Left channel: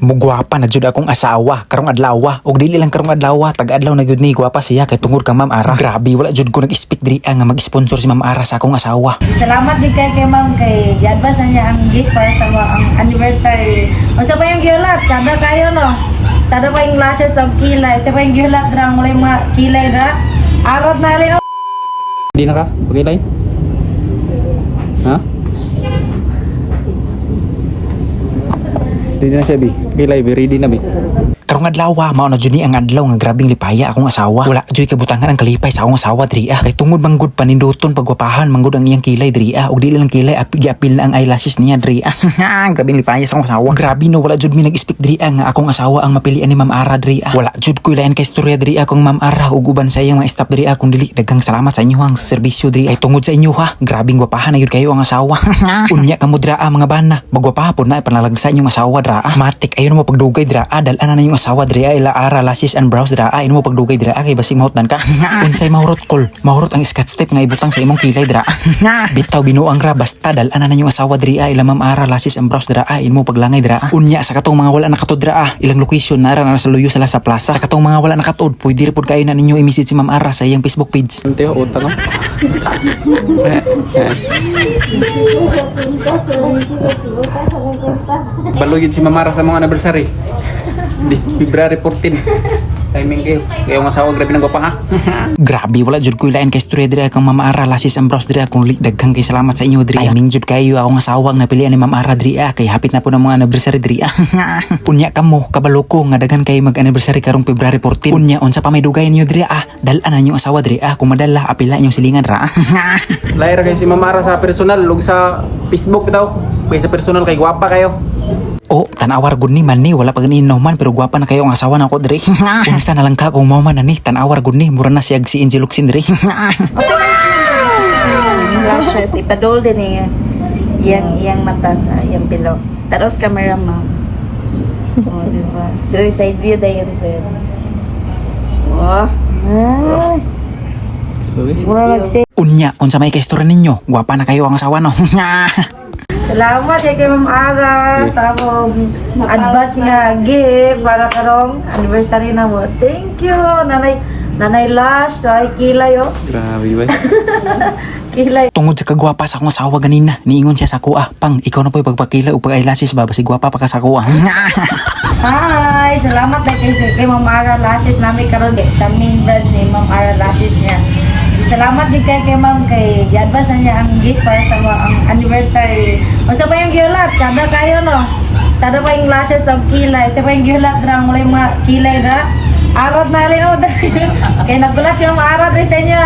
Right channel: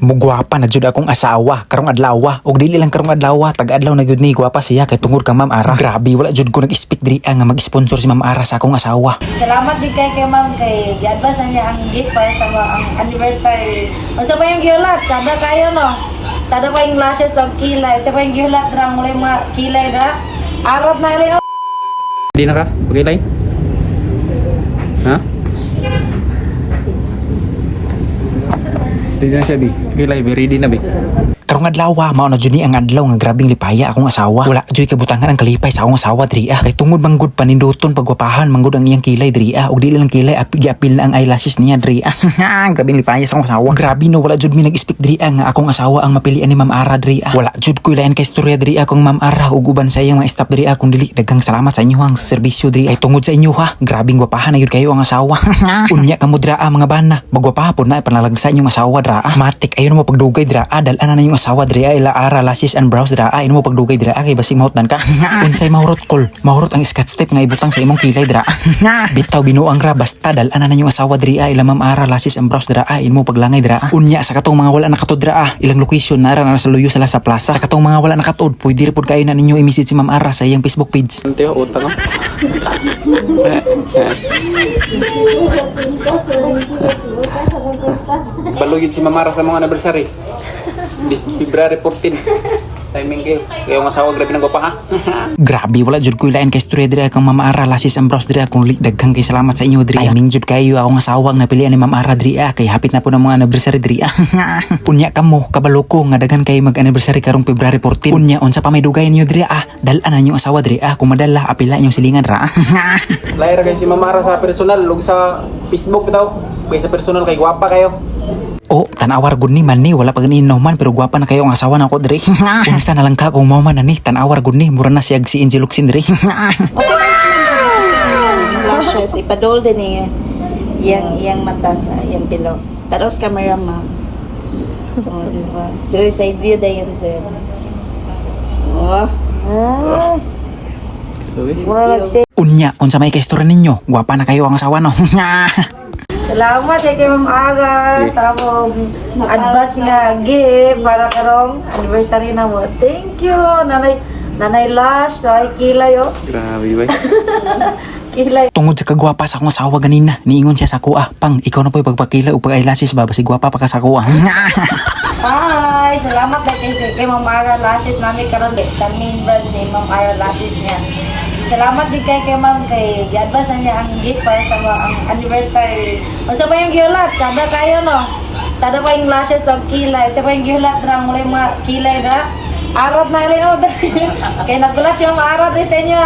Mugwapa na jud akong asawa karong adlaw. Og dili lang karong adlaw, tag-adlaw na gyud ni gwapa siya kay tungod kang Ma'am Ara. Grabe, wala jud ko nag-expect diri nga mag-sponsor si Ma'am Ara sa akong asawa. Salamat din kay Ma'am kay i-advance niya ang gift para sa ang anniversary. Unsa pa yung giulat? Sada tayo no. Sada pa yung lashes of kilay. Sa pa yung giulat drang mulay mga kilay ra. Arat na rin. Hindi na ka? Okay live? Ha? Ready na siya, Bi. Okay live, ready na, Bi. Karong adlaw, mao na jud ni ang adlaw nga grabing lipaya akong asawa. Wala joy kabutangan ang kalipay sa akong asawa diri kay tungod manggod paninduton pagwapahan manggod ang iyang kilay diri og dili lang kilay apil na ang eyelashes niya diri. Grabing lipaya sa akong asawa. Grabe no, wala jud mi nag-expect diri nga akong asawa ang mapilian ni Ma'am Ara diri. Wala jud ko ilain kay istorya diri akong Ma'am Ara ug uban sa iyang mga staff diri kung dili daghang salamat sa inyo ang serbisyo diri ay tungod sa inyo ha. Grabing gwapahan na gyud kayo ang asawa. Unya kamo dira mga bana, magwapahapon na panalagsa inyong asawa dira. Matik ayon mo pagdugay dira dal-ana na yung asawa diri ila Ara lashes and brows dira ino mo pagdugay dira kay basig mahutdan ka. Unsay mahurot kol, mahurot ang scotch tape nga ibutang sa imong kilay dira. Bitaw binuang ra basta dal-ana na yung asawa diri ila Ma'am Ara lashes and brows dira ino mo paglangay dira. Unya sa katong mga wala nakatud dira ilang location nara na sa luyo sila sa plaza. Sa katong mga wala nakatud pwede repod kayo na ninyo i-message si Ma'am Ara sa iyang Facebook page. Balugin si Ma'am Ara sa mga anniversary. This February 14. Timing kayo. Kaya ang asawa grabe ng papa ha. Grabe wala jud ko ilain kay istorya diri kang Ma'am Ara lashes and brows diri kung daghang kay salamat sa inyo diri. Timing jud kayo akong asawa nga napilian ni Ma'am Ara diri kay hapit na po ng mga anniversary diri. Unya kamo kabalo ko nga daghan kay mag-anniversary karong February 14. Unya unsa pa may dugay niyo diri dal-an na yung asawa diri kung madala apila inyong silingan ra. Laira si Ma'am Ara sa personal ug sa Facebook daw. Kaya sa personal kay gwapa kayo. Oh, tanawar gud ni man ni wala pa ganin man pero gwapa na kayo ang asawa nako diri. Unsa na lang ka kung mao man na ni tanawar gud ni mura na siya si Angel Luxin diri. Si Padol din yang mata sa yang bilog. Terus camera mo. Dari side view day yan sir. Oh. Unya unsa may kaistorya ninyo gwapa na kayo ang asawa no. Salamat kay Ma'am Ara sa akong advance nga gift para karong anniversary na mo. Thank you, Nanay Lash, ay kilay oh. Kilay. Tungod sa kagwapa sa akong asawa ganina, niingon siya sa kuha, pang ikaw na po pagpakila o pag-eyelashes ba basig gwapa pa ka sa kuha. Hi, salamat kay Ma'am Ara Lashes namin karon sa main branch ni Ma'am Ara Lashes niya. Salamat din kay Ma'am kay i-advance niya ang gift para sa ang anniversary. Unsa pa yung giulat? Sada tayo no. Sada pa yung lashes of kilay. Sa pa yung giulat drang mulay mga kilay ra. Arat na rin ako. Kaya nagulat siya mga arat rin sa inyo.